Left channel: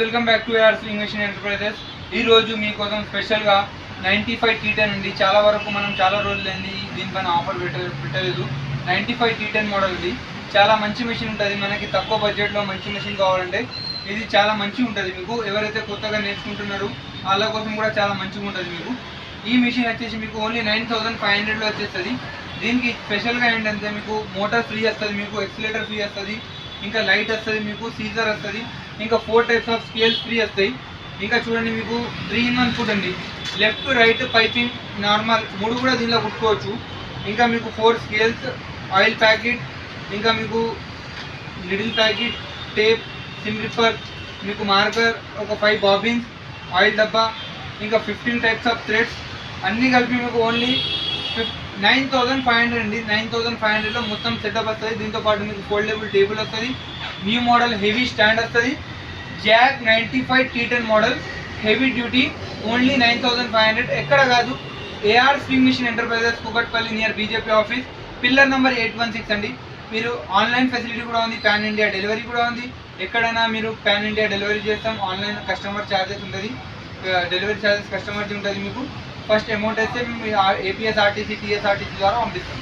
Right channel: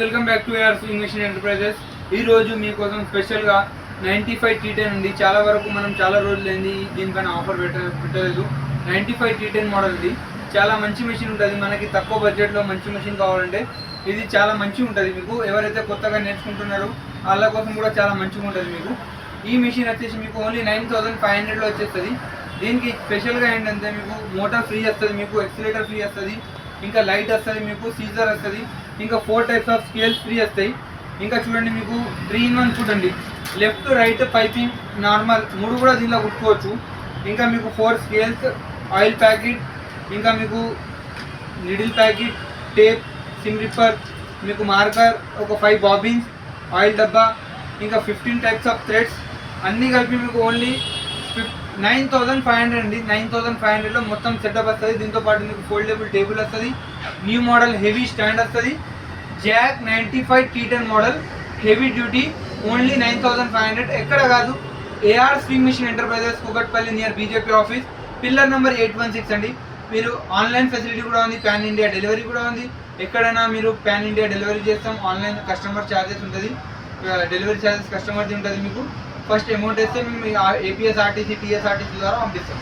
Welcome back to AR swing machine enterprises. ఈ రోజు మీకోసం స్పెషల్గా 95 T10 ఉంది. చాలా వరకు మనం చాలా రోజులైంది దీనిపైన ఆఫర్ పెట్టలేదు. 95 T10 మోడల్ ఇది. చాలా మంచి మెషిన్ ఉంటుంది. మనకి తక్కువ బడ్జెట్లో మంచి మెషిన్ కావాలంటే ఇది చాలా మంచిగా ఉంటుంది. మీకు ఎవరైతే కొత్తగా నేర్చుకుంటున్నారో వాళ్ళ కోసం కూడా చాలా మంచిగా ఉంటుంది. మీకు ఈ మెషిన్ వచ్చేసి మీకు ఓన్లీ 9500లో వచ్చేస్తుంది. దీనికి స్పెషల్గా ఏంటంటే మీకు మోటార్ ఫ్రీ వస్తుంది, మీకు ఎక్సిలేటర్ ఫ్రీ వస్తుంది, ఇంకా లైట్ వస్తుంది, మీకు సీజర్ వస్తుంది, ఇంకా 4 టైప్స్ ఆఫ్ స్కేల్స్ ఫ్రీ వస్తాయి. ఇంకా చూడండి మీకు 3-in-1 ఫుడ్ ఉంది. లెఫ్ట్ రైట్ పైపింగ్ నార్మల్ 3 కూడా దీనిలో కుట్టుకోవచ్చు. ఇంకా మీకు 4 స్కేల్స్, ఆయిల్ ప్యాకెట్, ఇంకా మీకు needle packet, tape, SIM ripper, మీకు మార్కర్, ఒక 5 బాబిన్స్, ఆయిల్ డబ్బా, ఇంకా 15 టైప్స్ ఆఫ్ థ్రెడ్స్ అన్నీ కలిపి మీకు ఓన్లీ 9500 అండి. 9500లో మొత్తం సెటప్ వస్తుంది. దీంతో పాటు మీకు ఫోల్డబుల్ టేబుల్ వస్తుంది, న్యూ మోడల్ హెవీ స్టాండ్ వస్తుంది. Jack 95 T10 model heavy duty only 9500. ఎక్కడ కాదు, AR swing machine enterprises, Kukatpally near BJP office, pillar number 816 అండి. మీరు ఆన్లైన్ ఫెసిలిటీ కూడా ఉంది, పాన్ ఇండియా డెలివరీ కూడా ఉంది. ఎక్కడైనా మీరు పాన్ ఇండియా డెలివరీ చేస్తాం. ఆన్లైన్ కస్టమర్ ఛార్జెస్ ఉంటుంది, డెలివరీ ఛార్జెస్ కస్టమర్ది ఉంటుంది. మీకు ఫస్ట్ అమౌంట్ వేస్తే మేము APSRTC, TSRTC ద్వారా పంపిస్తాం.